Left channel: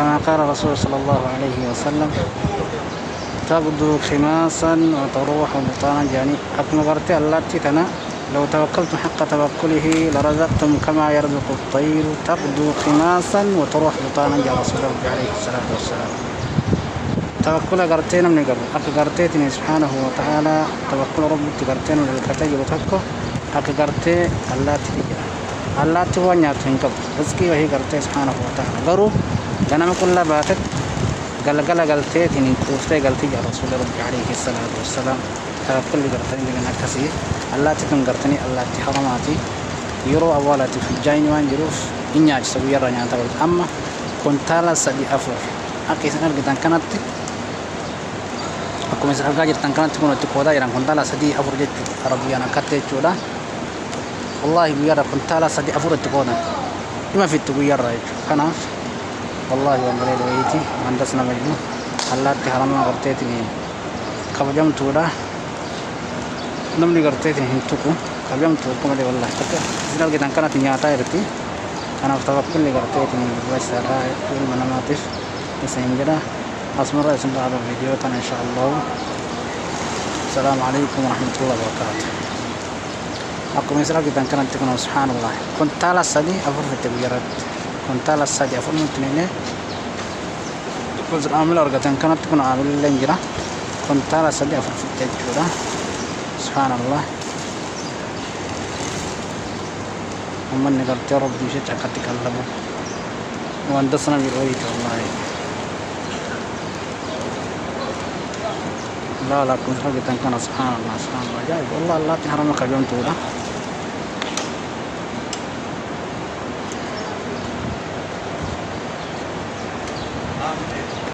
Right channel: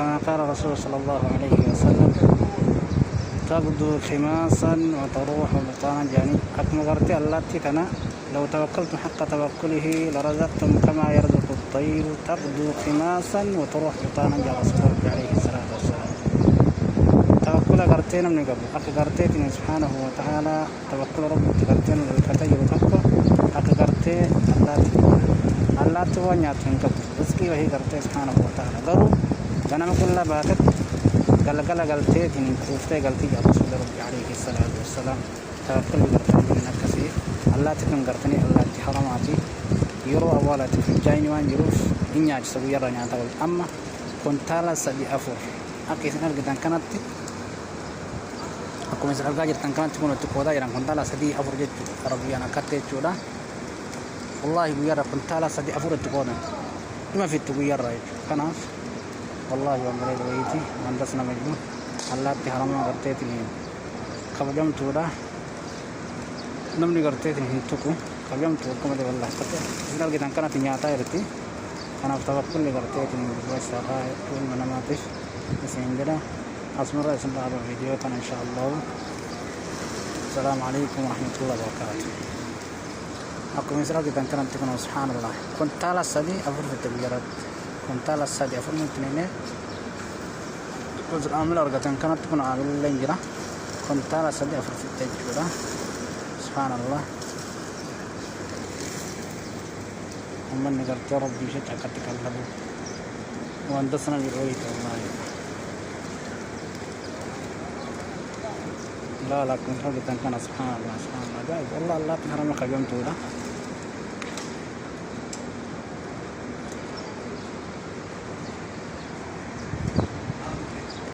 كما قال الرسول صلى الله عليه وسلم تغدو خماصا وتروح بطانا يعني أكما قرتي التي تنا لو توكلتم حق توكله لرزقتم كما يرزق الطير تغدو خماصا وتروح بطانا يا رسول الله عليه الصلاة والسلام. توكل قرتين من قبل قرتين سبحانه وتعالى توكل ربك قرتين من الكتاب وتكو قرتي الله توانيا تنكب رزقي وهي قرتي سبحانه وتعالى غرو جنم كل باتت قال قلتي تنين توفتي قلتي يا رسول الله عليه الصلاة والسلام توكل قرتين من الكسي الله تكون قرتني الله تحرماتي يرو أولاتي في الجاين وان يروف إنياج سويا رنيا تقول أما كنت على سدي أفر أكيد أرجع كانت aku misal gaji tangkalan tuh untuk koda yang kontala sadi afur jet Arabiana kate coda wallahi biar kontala sadi afur itu koda ima fit biar right kana wallahi wa mare itu andas nama itu Allah te haram na karte tini kabjam coda namni karte tini hintuku kabjam tu ko male wallahi tak misal kita tangkalan tinya ata itu ana tawakkul li karte tini wasara itu mana matif sehingga أسمع رأيكم على الفيديو إن شاء الله. السلام عليكم ورحمة الله وبركاته. أقوم يسرق إذا كانت تكون سبحان الله كنت على السدي أفر في التغييرات كنت على السدي أفر من تنين كنت عامل أرجع إذا كانت تكون عامل لنجرة كنت على السدي أفر في التغييرات سبحان الله. ومن قلت يا رب مشيت أكتك الله وأندسنا برؤية الله. لا كنت أبي تنكنا سبحان الله جاي والله الله تحرمك اليوم تودا